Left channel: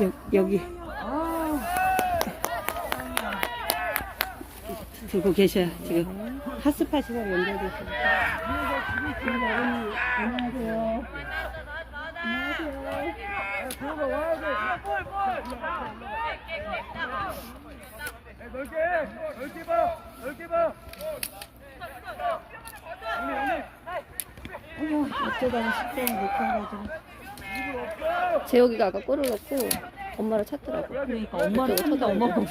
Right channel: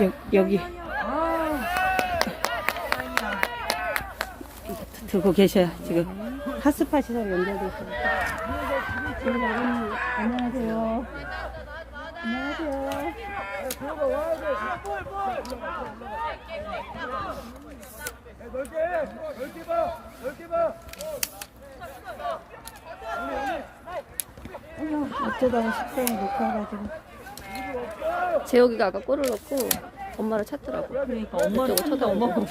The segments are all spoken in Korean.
여, 여기 들고 계셔요 지금 핫스팟이랑 연결돼 있어요 안녕하세요 안녕하세요 넓게 해! 넓게 봐! 넓게 봐! 어쩌다가 식사를 못 가가지고 재혁이가 아까 골을 넣고 엄마를 찾더라고. 엄마를 쳐다보고.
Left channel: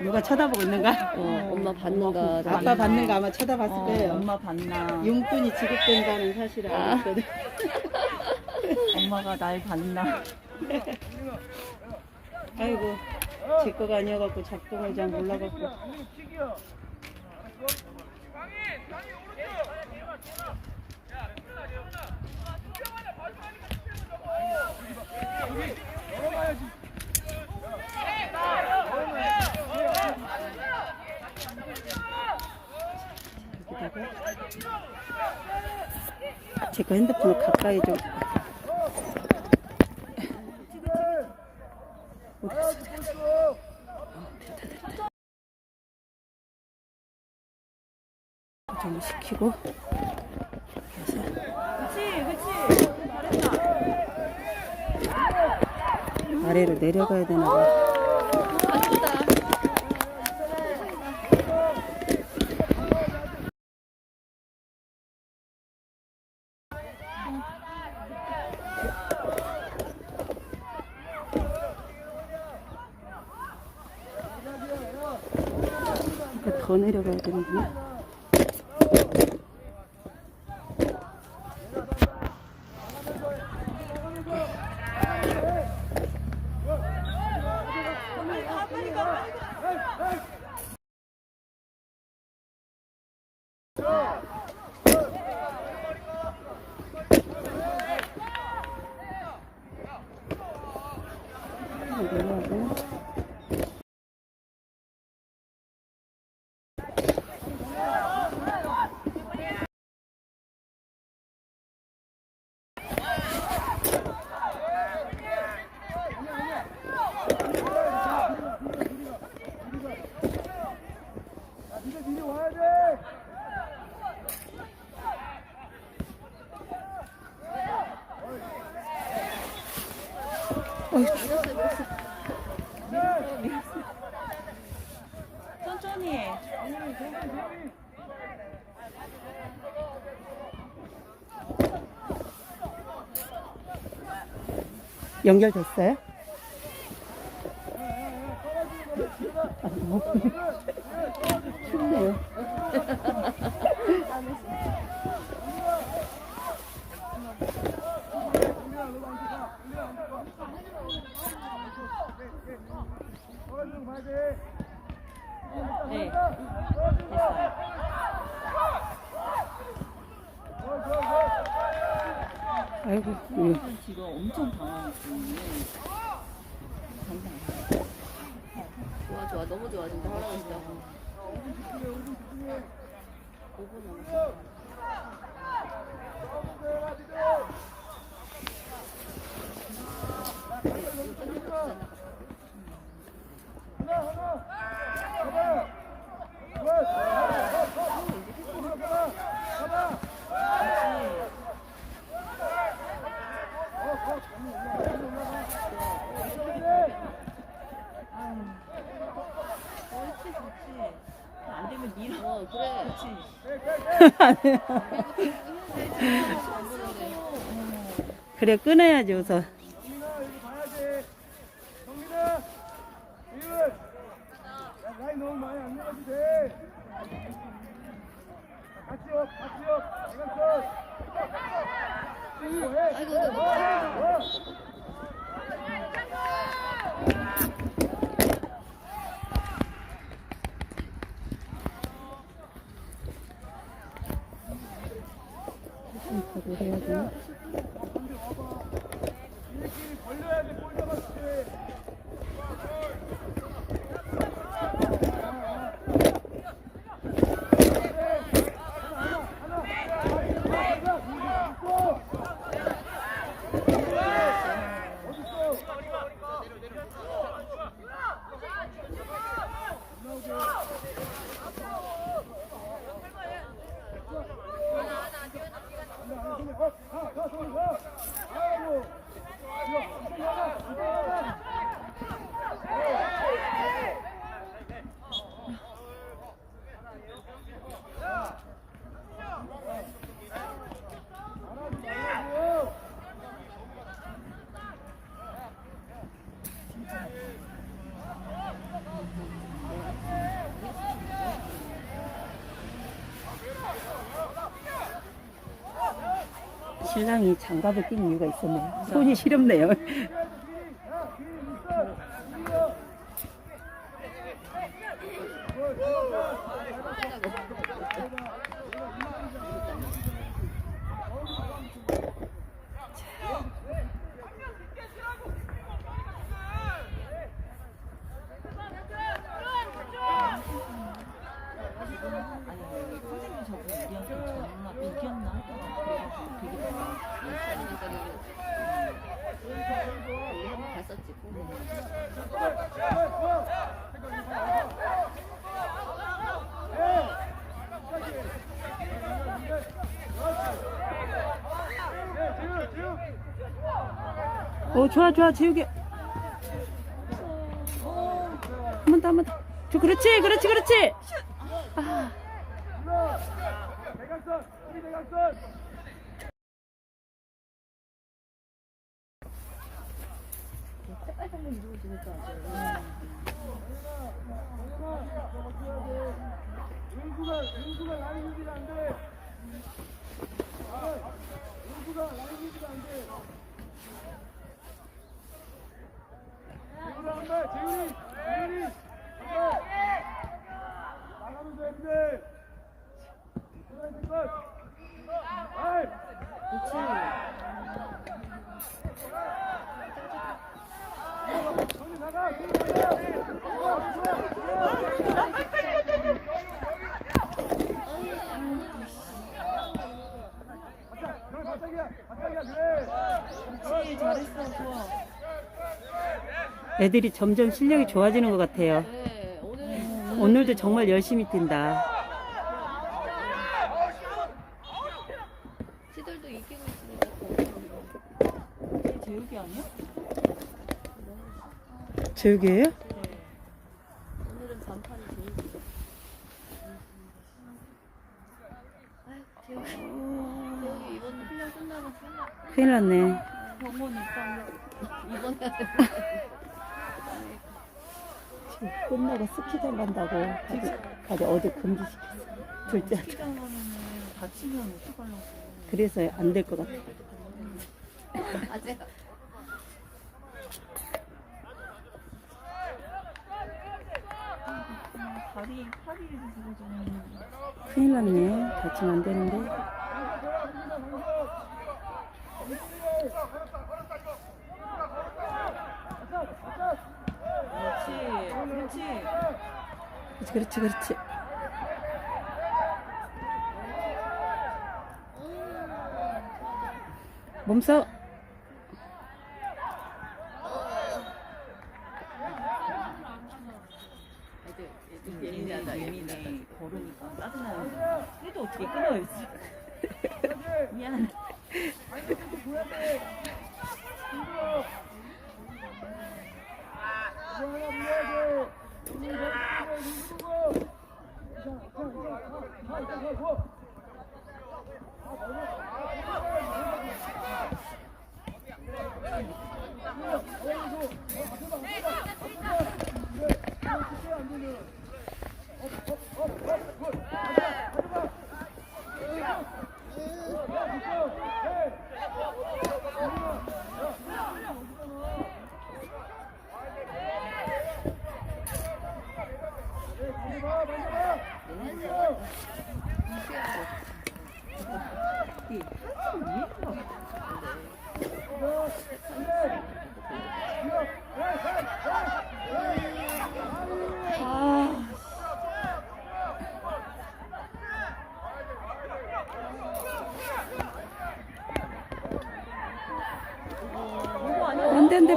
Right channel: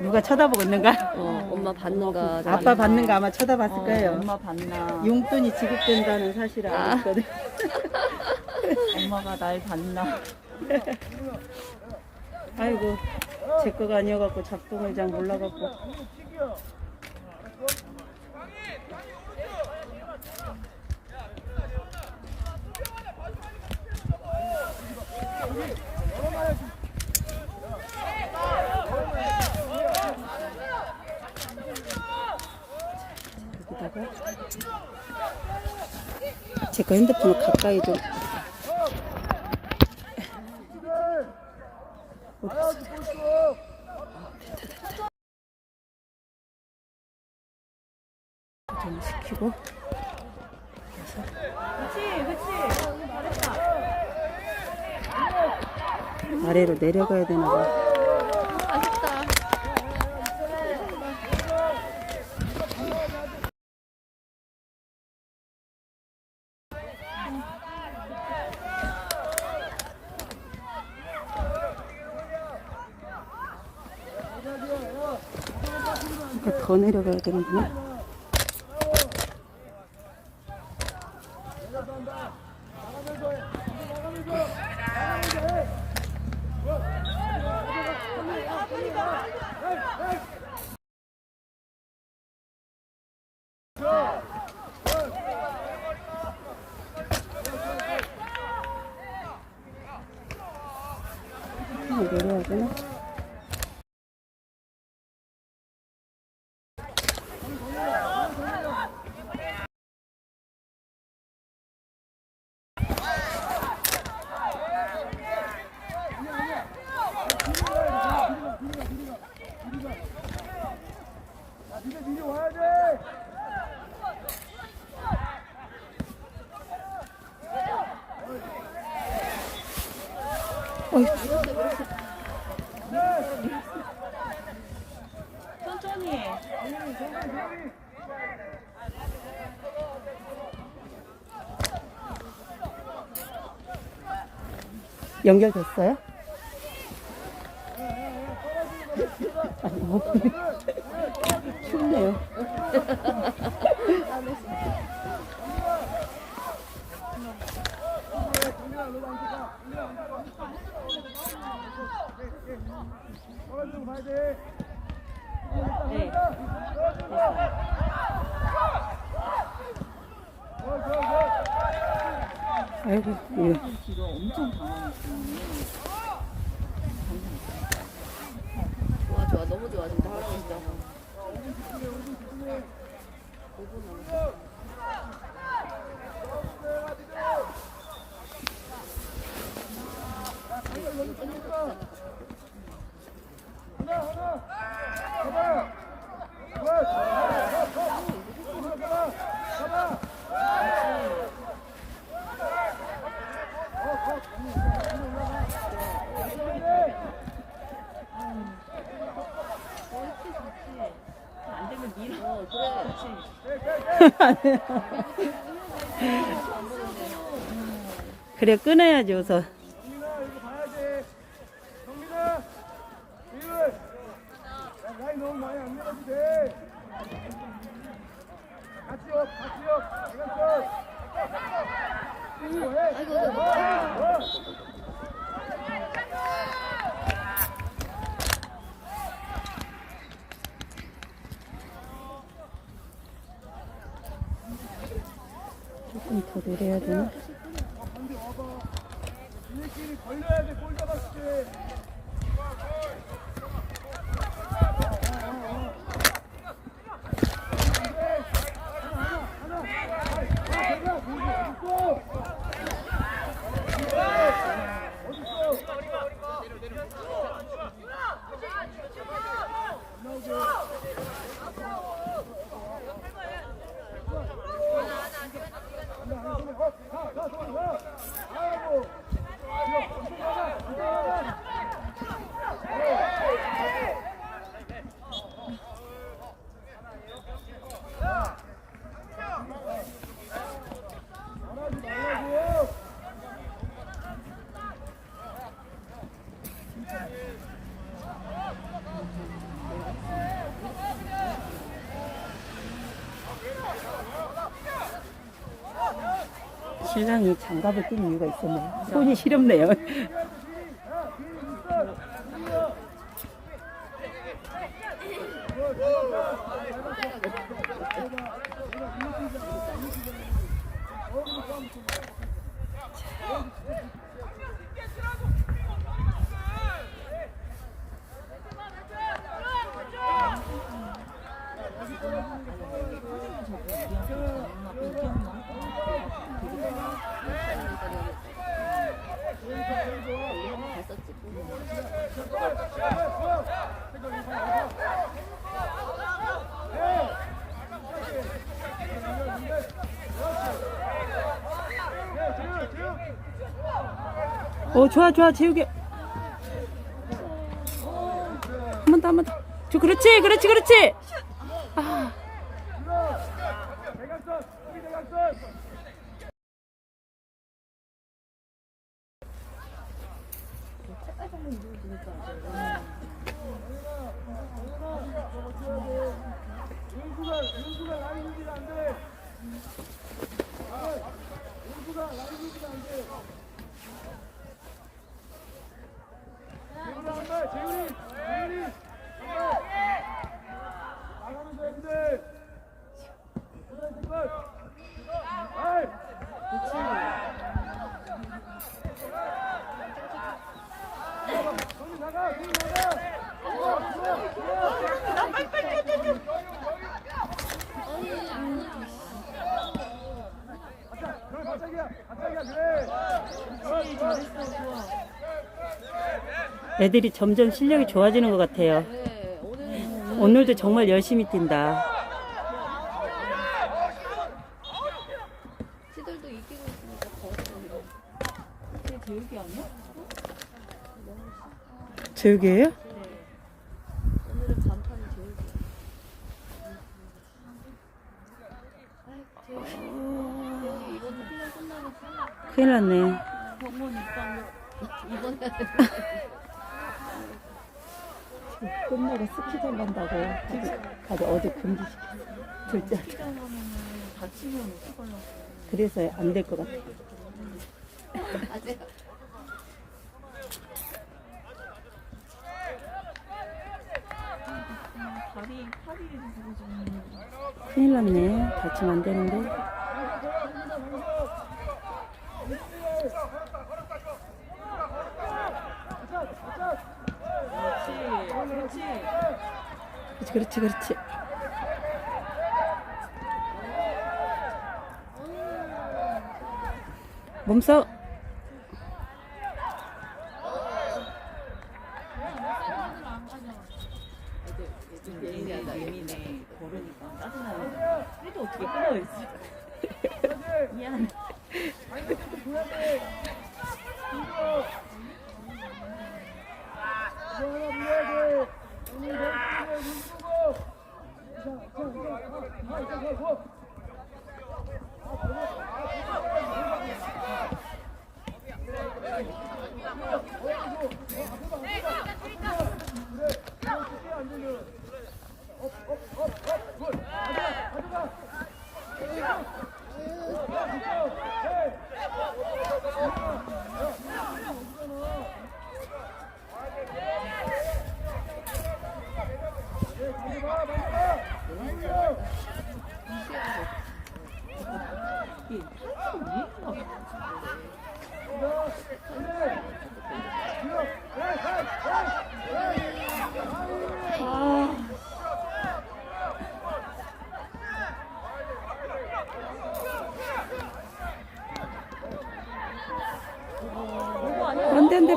누가 쳐다보고 있는가? 어, 엄마 받는가. 아빠 받는 거 아마 쳐다봤을 거예요 엄마 봤나? 용돈이 지급된다는 사실을 아. 알았거든 엄마가 날 봤나? 아이고 제 거가 아니어갖고 작동을 잘 몰라갖고 킥이야! 여기다가 제거 핸드폰을 가까이 좀 어디 갔어? 아, 됐다 됐다 좀 시키고 아래로 내려가야 되나 봐. 그러니까 더 내려가야 되는구나. 내려가고. 야, 니네 미리 와야 돼! 천천히 해. 연결됐어요? 춥네요. 네. 아이고, 예. 지금 엄청. 좋아, 좋아. 너무 좋아. 진짜 할아버지다. 5분 남았어. 하나, 하나. 잡아. 굿. 잡아. 잡아. 잡아. 안 되면 밀어. 어, 그래. 그래, 끊어야지, 우선. 정민아 이거 봐야지. 정민아 야 라인 너무 많이 안 내려도 돼. 자, 같이 업 같이 업. 해, 해, 해, 해. 더 내려야 되나? 걸려야 돼골 잡았을 때 어딨어 신랑이 장갑을 낀 이유가 있었네요. 손이 시렵네요. 엄마 이겼나? 갔었지. 어, 좋아, 좋아, 재욱이. 한번 더, 한번 더. 저, 그렇지, 그렇지, 그렇지. 아, 유지가 안 돼. 아, 유지가 안 돼. 재훈이 한 발, 재훈이, 재훈이 한 발. 나가, 손이 나가. 좋아, 좋아, 좋아. 바짝, 그래, 바짝이야, 바짝이야, 그래. 그렇지 잘했어 좋아. 애들이 점점 실력이 좋아지는 것 같아요. 네, 오늘 오늘도 정말 열심히 뛴다. 시들도 이기고 있으니까 재욱이 아니야? 재욱이에요? 오늘은. 아이고, 제일 이번 훈련 끝나면 끝나. 큰일 났네. 병원 입당 이번 날 끝나고 스키장 간다고 다들 어제 금지시켰어. 둘째. 어떡하나. 그래서 안 될 것 같아. 다리 팔이 부서지면 큰일 났네. 다치면 안 되는데. 그렇지 그렇지. 그렇지. 몸싸움.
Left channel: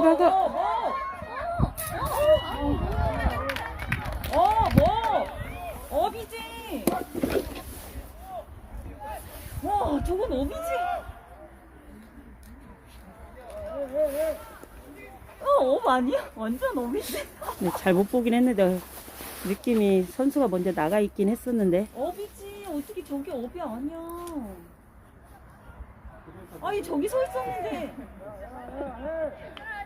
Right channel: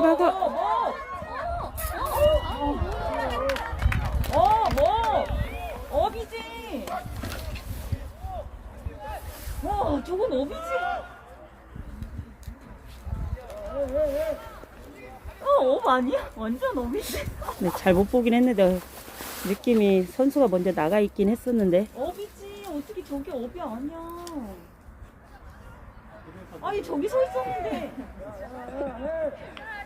가운데 박어. 어, 뭐? 업이지. 와, 어, 저건 어디지? 어, 업 아니야? 완전 업이지. 네, 잘 못 보긴 했는데 느낌이 선수가 먼저 나가 있긴 했었는데. 업이지. 어떻게 저게 업이 아니야? 아니 저기 서 있었는데.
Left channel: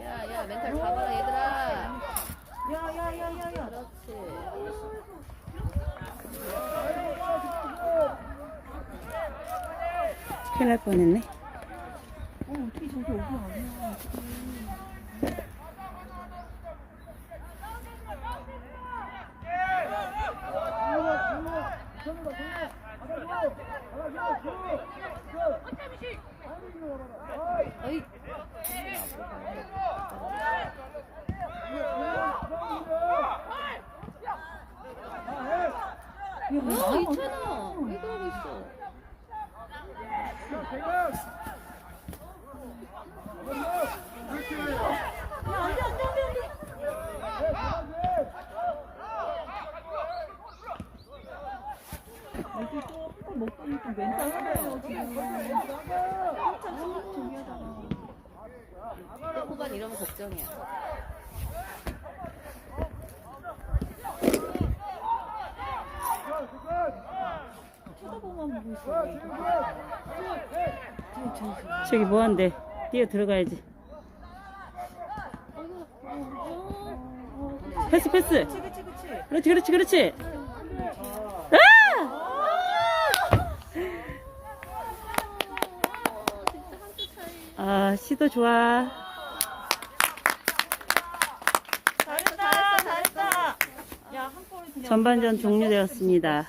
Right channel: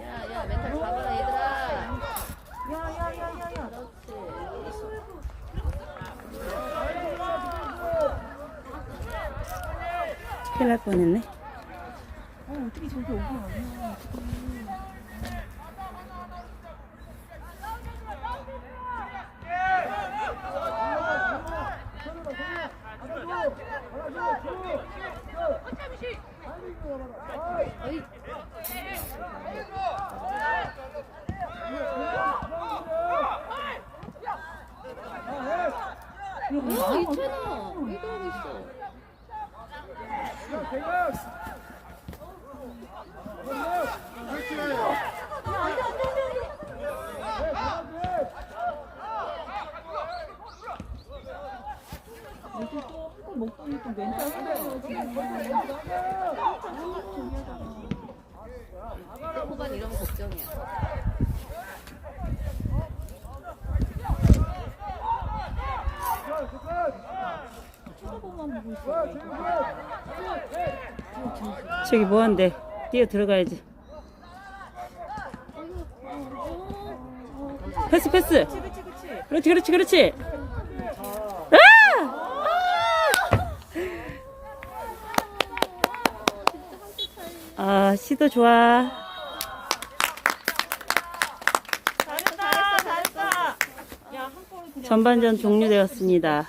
야야 멘탈 잡아 얘들아 그렇지 큰일 날 뻔했네 어, 어떻게 아니야. 어이 야, 괜찮아 많잖아. 왜 그러고 있어 어제 또한번 먹더니 이러면 걱정이야 쳐다보만 보고 있어. 저기 뭐 한대 뛰어 들어가야지 패스 패스 그렇지 그렇지 그렇지 아! 아 시도 좋아 잘했어, 잘했어, 잘했어. 전반전 종료되었습니다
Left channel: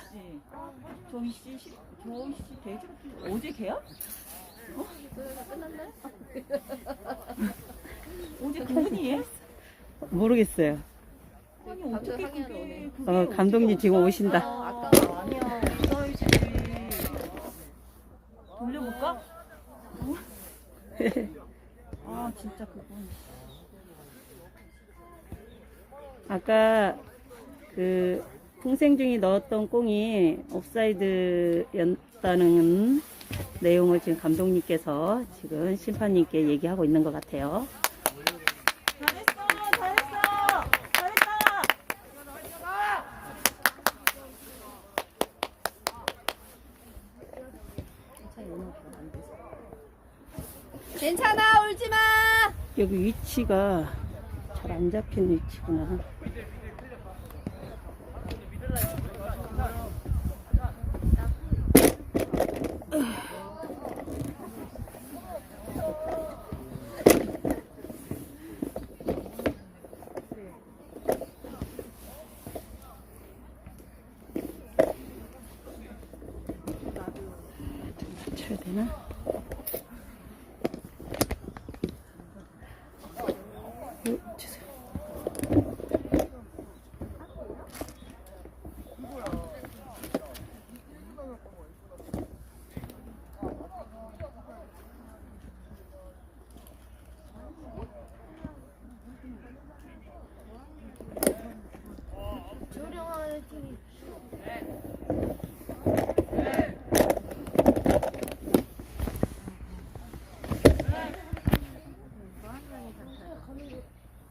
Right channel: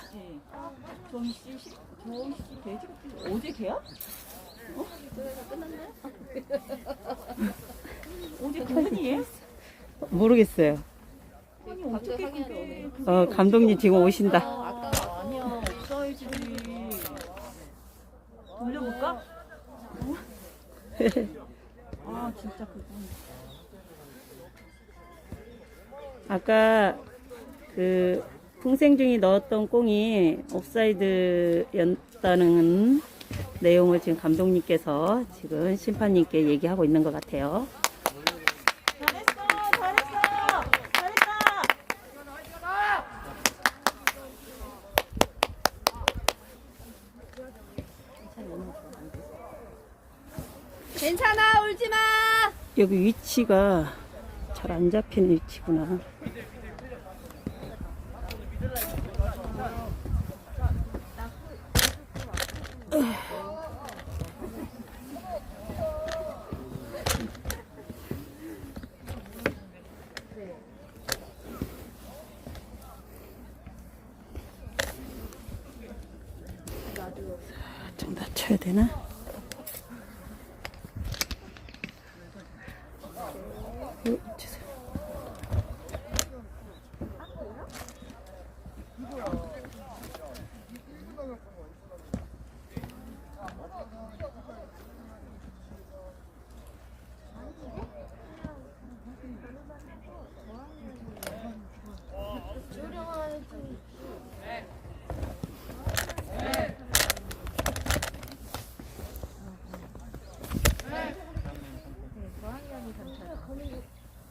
저희 씨, 씨, 저희 씨 돼지가 어제 개야? 그래서 끝났나요? 어제 도훈이에? 모르겠어요 아니, 방금 어떻게 항의하러 그게 오네. 그게 어 감독님 지금 오신다 아까 아니야, 없어야지. 돌려볼까? 아, 진짜 그건. 아까 그 풍생중이 넣었던 공이 옵사이드였다는 내용을 지금 감독님께서 지금 심판님께 얘기하고 있는 것 같아요. 잘했어, 잘했어, 잘했다. 괜찮아 울지마 여기 위치가 잘 안 잡힌 위치구나. 좀 낮춰야 되나?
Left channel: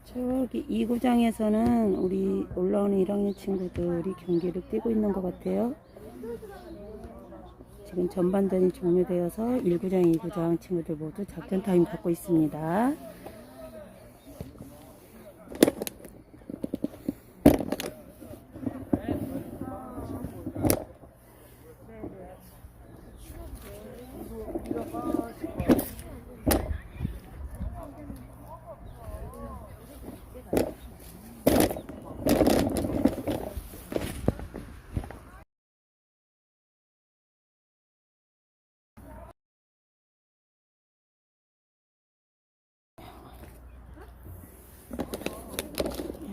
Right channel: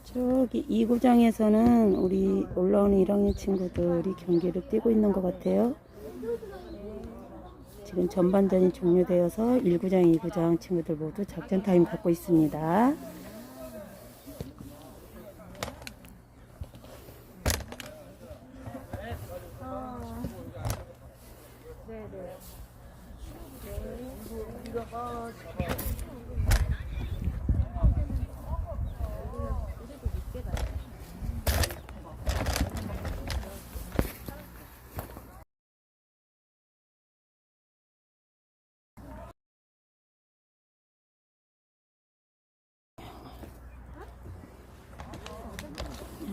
저기 이 구장에서는 우리 올라오는 1학년 친구들이 경기를 뛰고 있는 것 같아요. 지금 전반전이 종료되어서 1구장, 2구장 친구들 모두 작전 타임 갖고 있습니다.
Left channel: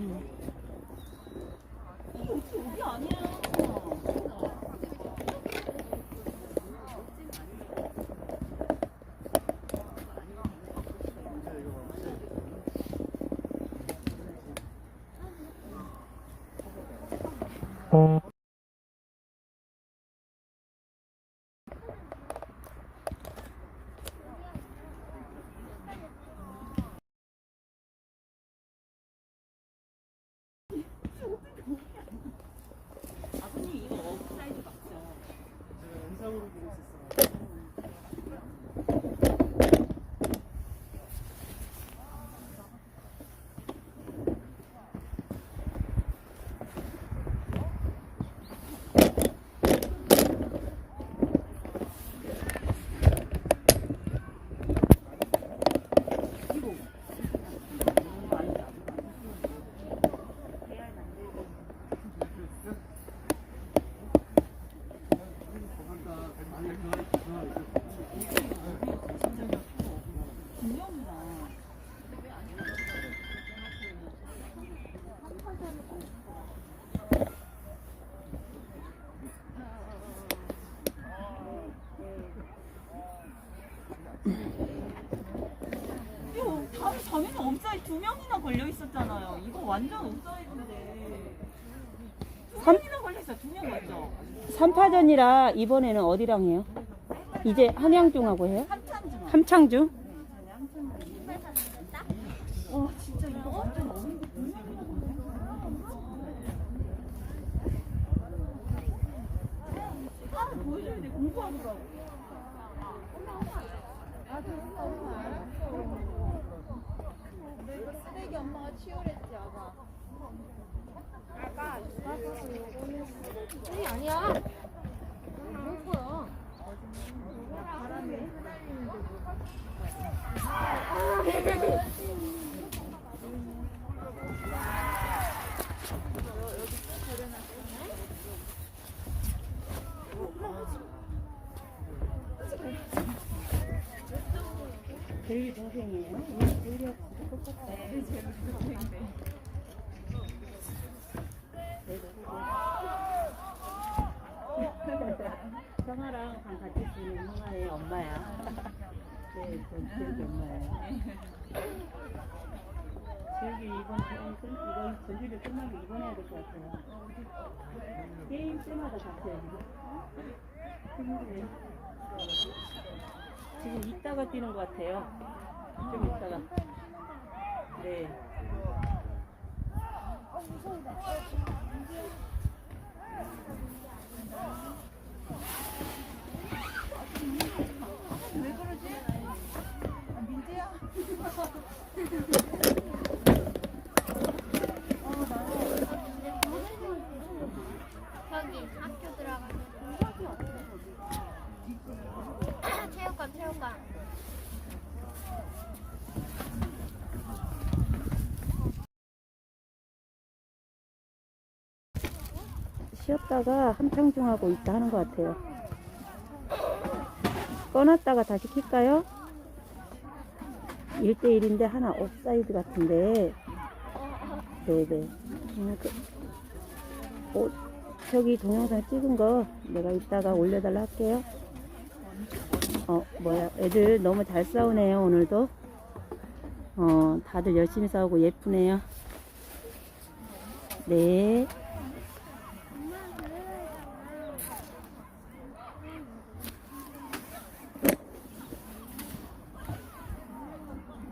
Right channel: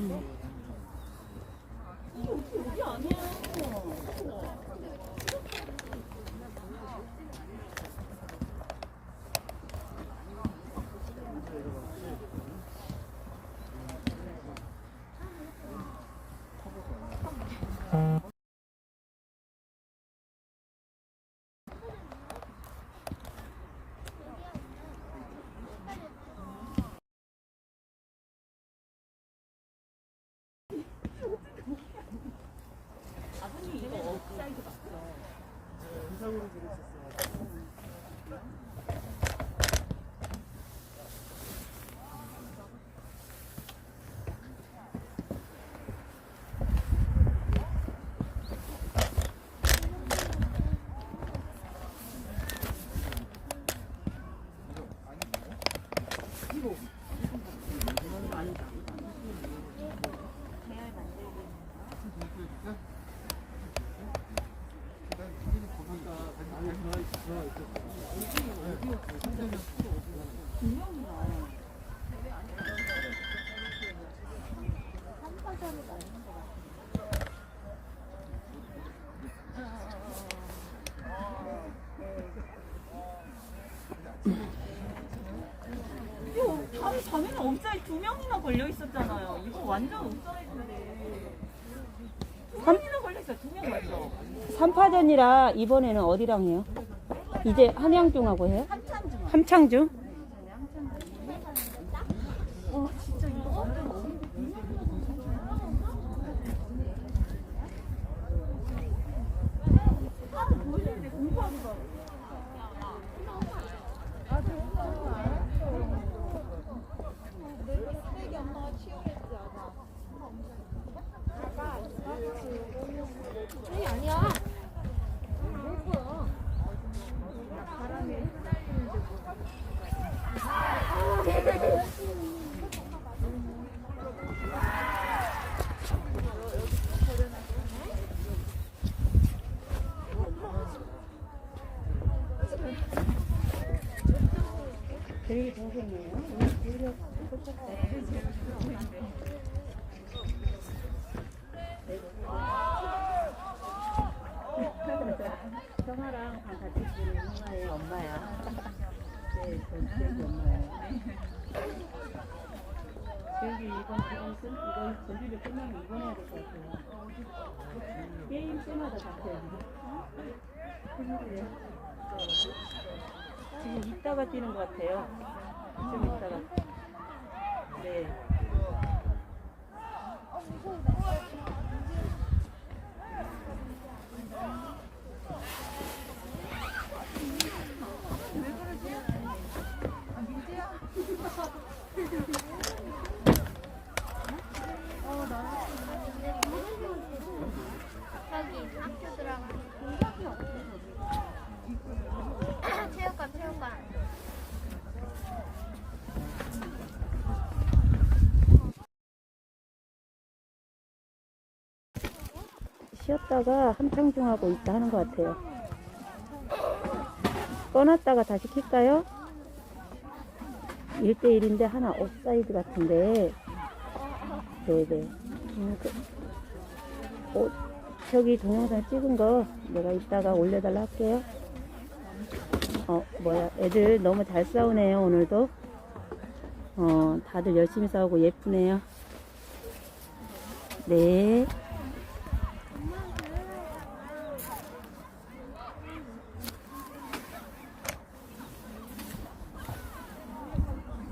Mm. 이거 아니 자매는 옵사이드 두 명이나 걸려 있었잖아요. 이거 완전 옵사이드인데. 두 삼- 명이나 걸려 있어. 두명 걸려. 3파전이라 이번에는 어디랑 해요? 이제 한양중하고 해요? 한참 중. 함창중? 되게 동생이에요. 성아랑 방 같이 지는 엄마의 엄마야. 네, 전 기억이 엄마예요. 여기 이번 이번 끝 이번 전지를 끝나면 이번 해야 될 것 같아요. 게임 때마다 바뀌어요. 지금 이따가 뛰는 것 같아요. 좀 이따가. 네. 저기 학교 들어가. 체육관, 체육관. 쉬었다가 함창중하고 있다 하는 것 같아요. 꺼놨다가 다시 킬까요? 1대1인데 하나 옵사이드 같은데. 네네. 음, 그, 어, 저기 동영상 찍은 거 내가 이따가 올려달라 할게요. 어, 뭐야. 애들 너무 잘 싸우네요, 오늘도. 어, 다들 열심히 싸우고 예쁘네요. 네.